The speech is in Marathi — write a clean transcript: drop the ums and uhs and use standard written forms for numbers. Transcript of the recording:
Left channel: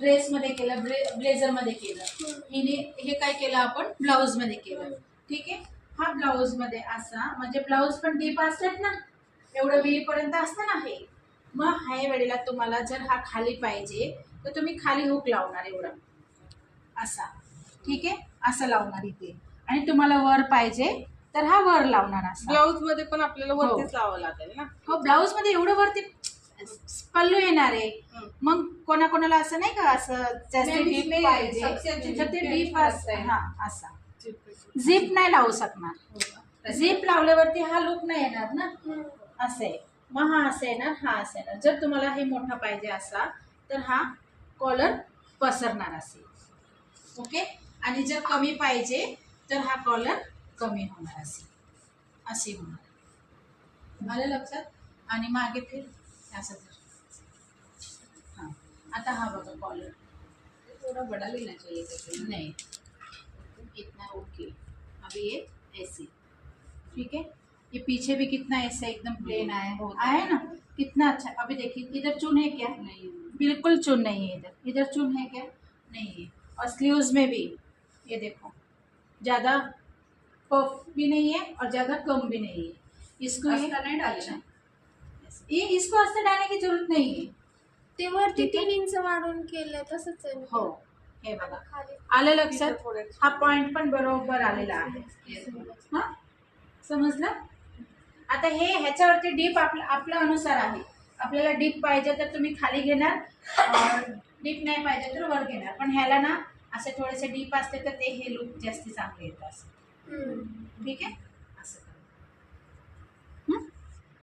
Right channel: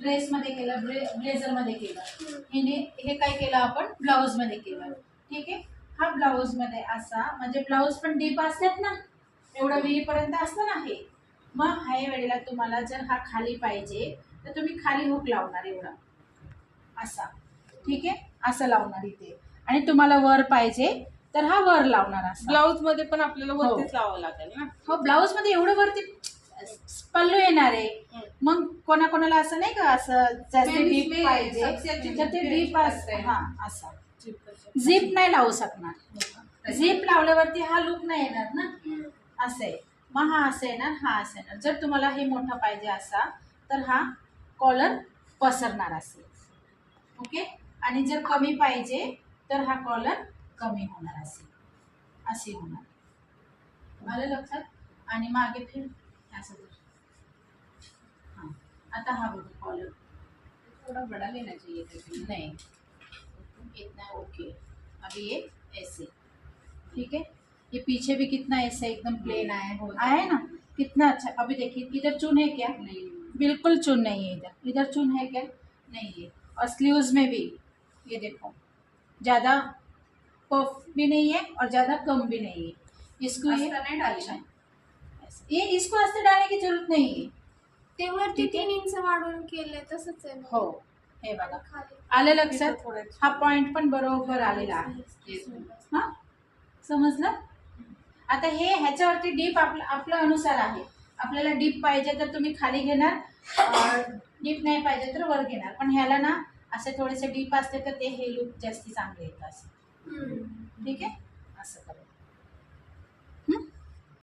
ड्रेसमध्ये केलं, ब्लेझरमध्ये केलं, हिने हे काय केलं आपण ब्लाऊजमध्ये केलं. ठीक आहे. हा ब्लाऊजमध्ये असा, म्हणजे ब्लाऊज पण डीप असतात ना, एवढं विहीपर्यंत असतं ना हे. मग ह्या वेळेला तुम्हाला जर हा खाली पाहिजे तर तुम्ही खाली हुक लावणार एवढा असा. ठीक आहे, असं लावणार इथे. आणि तुम्हाला वर पाहिजे तर हा वर लावणार असा. ब्लाऊज मध्ये पण आपल्याला वरतीच लावावं लागेल ना. हो, ब्लाऊज मध्ये एवढं वरती पल्लू येणार आहे. मग कोणाकोणाला असं नाही का, असं जास्त डीप पाहिजे तर ते डीप हा असा झिप नाही लावू शकणार. झिप लावल्यावरती हा लुक नाही येणार ना. असं आहे. मग हा असं येणार, हा असं येणार. जर तुम्हाला हे मोठा पाहिजे असा तर हा कॉलर पसरणार असेल. ओके. आणि जर कमी पाहिजे तर हा कॉलर कमी होणार असेल, असे होणार. आलं लक्षात. आणि मागे फिर असं जर. हां, आता हा बघा कॉलर थोड़ा बड़ा लेना चाहिए था नहीं इतना ओके. अभी ये ऐसे. ठीक है. ये पीछे भी कितना ऐसा एकदम प्लेन आया ना, कितना अच्छा. अभी देखिए इधर चुन है क्या? नहीं, बिल्कुल चुन नहीं है. इधर इधर चुन है क्या? नहीं है. और स्लीव्स में भी ये देखो, ज़्यादा पफ भी नहीं है और ज़्यादा कम भी नहीं है. इसको ये नहीं डाली ना. ये इसको अस्तर डालने की जरूरत नहीं है. ते वरती ठीक आहे. 3 इंच वाढून केलंय तसंच आहे ना. हो, हे बघा खाली आलं लक्षात. हा पॉइंट पण बरोबर आलेला आहे. हा, समजलं. आता हे ह्याच्यावरती डीप आपल्या अनुसार आहे. आपल्याला डीप पाहिजे तर तुम्ही खाली घेणार, डीप नाही पाहिजे तर वर घेणार. पण ह्याला ना असे थोडेसे डीप असते तर ते हे लुक जास्त चांगले येतात. ठीक आहे, असं करा.